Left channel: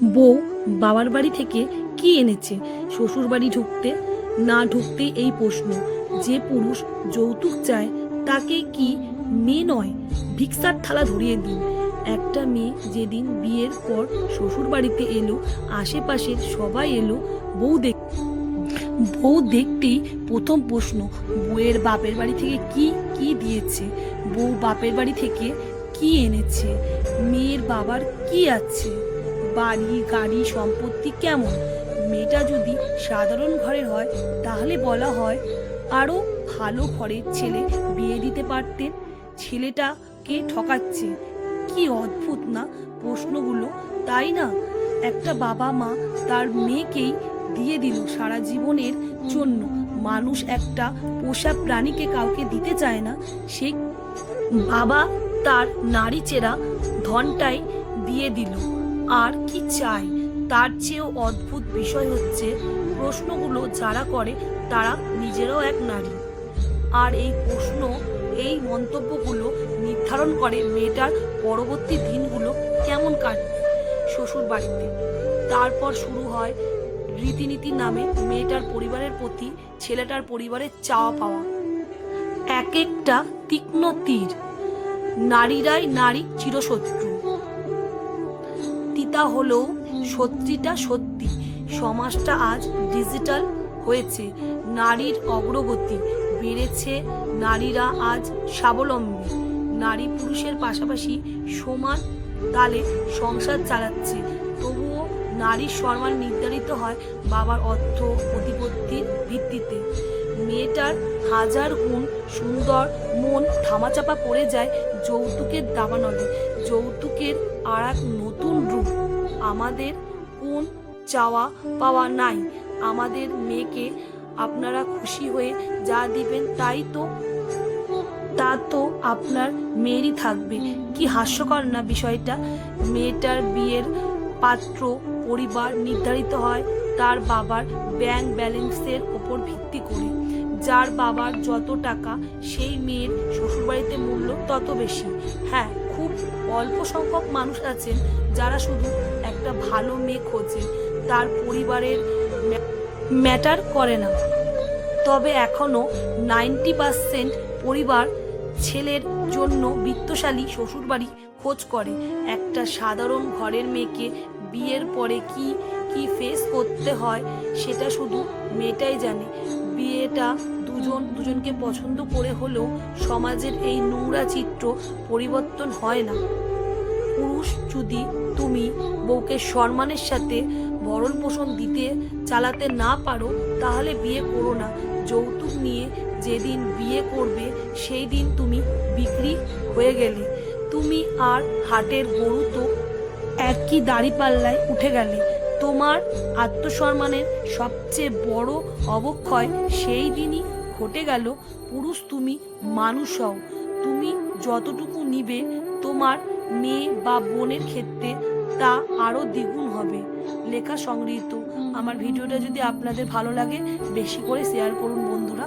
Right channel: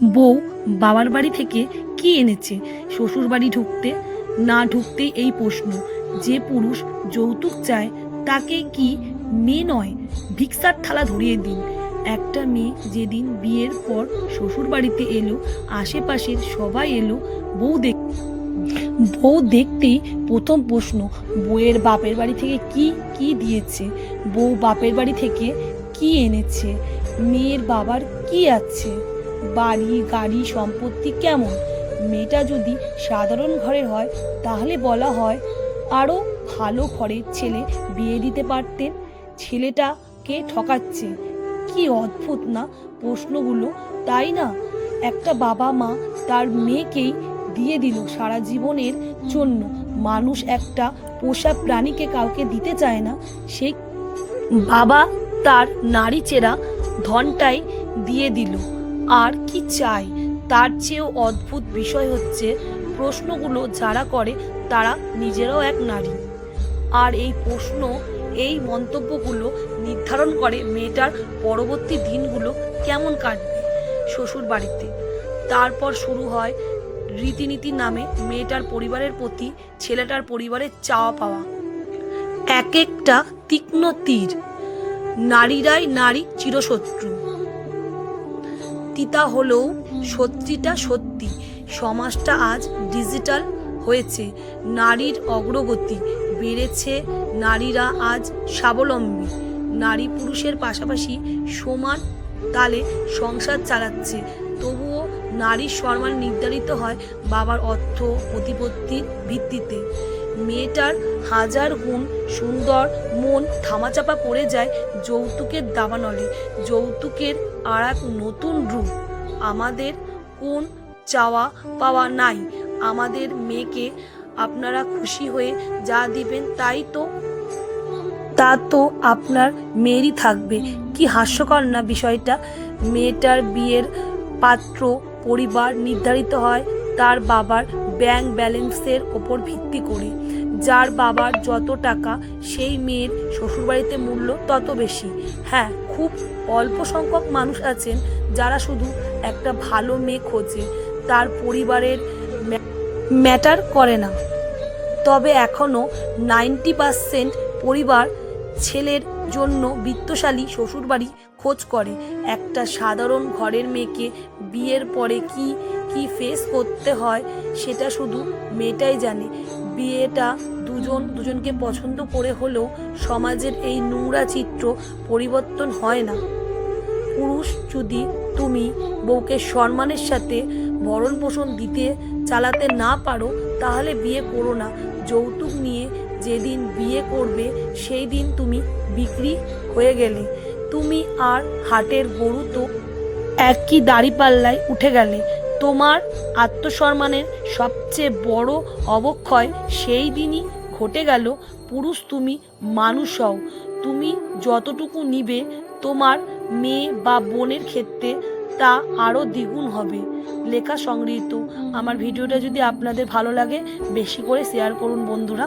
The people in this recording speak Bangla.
বউ বাবার বাড়ি থেকে কি এনেছে শ্বশুর বাড়ি ঢুকতে না ঢুকতেই এই প্রশ্ন। যে পুরুষ যৌতুক চায় তাকে কি মেয়ে নয়, ভিক্ষার থালা ধরিয়ে দিন। একটা মেয়ে যেদিন বিয়ের পর শ্বশুর বাড়িতে এলো, আশেপাশের সবাই এলো বউ দেখতেই প্রথম প্রশ্ন, বউয়ের বাপের বাড়ি থেকে কি কি দিয়েছে, বউ বাপের বাড়ি থেকে কি এনেছে, মেয়ের বাবার কি আছে, বাড়ি গাড়ি সম্পত্তি কেমন। মেয়েটা যদি সাধারণ ঘরের হয় তাহলে বলা হয় আরও ভালো ঘরের ছেলে বিয়ে দিতে পারতেন। ছেলেটাকে ঠকাচ্ছে। কি অদ্ভুত না প্রশ্নগুলো, তাই না? একটা বাবা মা তার মেয়েকেই দিয়ে দিল সারা জীবনের জন্য। মানুষ একটা পোষা প্রাণীকে কাউকে দিতে চায় না, সেই বাবা তার নারী চেরা ধনটাই দিয়ে দিল। আর কি চাই? তার চেয়েও অদ্ভুত বিষয় হচ্ছে, প্রশ্নগুলো যারা করে তারা নিজেরাও এক নারী। আর এই প্রশ্ন, এই মন্তব্যগুলো নির্ধারণ করে মেয়েটার পরবর্তী দিনগুলো কেমন কাটবে শ্বশুর বাড়িতে। তারপর শুরু হয় রীতিনীতি নামে মেয়েটার পরিবারের প্রতি ছেলেটার পরিবারের চাওয়া পাওয়া। এক একটা তীক্ষ্ণ তীর। নারীরাই নারী চিরশত্রু। তিতা হলেও সত্যিটা সত্যি। সমাজটা আজ ডিজিটাল হয়েছে, নারীর অগ্রগতি বেড়েছে, নারীরা আজ স্বাবলম্বী। নারী পুরুষের পাশাপাশি সমান তালে সংসার চালাচ্ছে। তবুও নারীর সম্মান নির্ধারিত হয় বাবার অর্থ প্রতিপত্তির ভিত্তিতে। মেয়েটার হাজার গুণ সুন্দর মন ধামাচাপা পড়ে যায় যৌতুকের দাবানলে। যৌতুকের আর এক নতুন রূপ। আমাদের কোন চাওয়া পাওয়া নাই, আমাদের মেয়েকে আপনারা খুশি হয়ে যা দিবেন তা তো আপনার মেয়েরই থাকবে। কি হাস্যকর না বিষয়টা? মেয়েটার বিয়ের পাত্র পরিবার নির্ধারিত হয় তার বাবার ব্যাংক ব্যালেন্সের ওপর ভিত্তি করে। যার বাবার যত টাকা সেই মেয়ের শ্বশুরবাড়িতে মূল্য তত বেশি। হ্যাঁ, খুব অল্প সংখ্যক মানুষ আছেন যারা শুধু একটা ভালো মেয়ে খোঁজে, তার পরিবারের ম্যাটার করে না। তবে এখনও 90% পরিবার ছেলের জন্য বিত্তশালী শ্বশুরবাড়ি খোঁজ করে। একটা সাধারণ ঘরের মেয়েকে বিয়ের পরে কি কি ফেস করতে হয় সেটা শুধু মেয়েটাই জানে। বিয়েটা দুজনকে পছন্দ করে হলেও সমাজের এই নোংরা চিত্র পরিবর্তন হয় না। পুরুষ যদি তুমি বউকে সম্মানের সাথে ভরণ পোষণ দিতে চালাতে না পারো তাহলে বিয়ে করো না। যৌতুক নিয়ে যেদিন বিয়ে করবে সেই দিন তুমি বিক্রি হয়ে গেলে। তুমি আর হাটের গরু তো একই দাঁড়িপাল্লায় উঠে গেলে। তোমার আত্মসম্মানের সবচেয়ে বড় অবক্ষয় সেই দিনই ঘটে গেল। পুরুষ তুমি মানুষ হও, তুমি যতটুকু নিবে তোমার মেয়ে বা বোনের ক্ষেত্রে তা আরও দ্বিগুণ হবে। লেখা সংগৃহীত। আমার ভিডিওটা যদি আপনাদের ভালো লাগে বেশি করে শেয়ার করুন বন্ধুরা।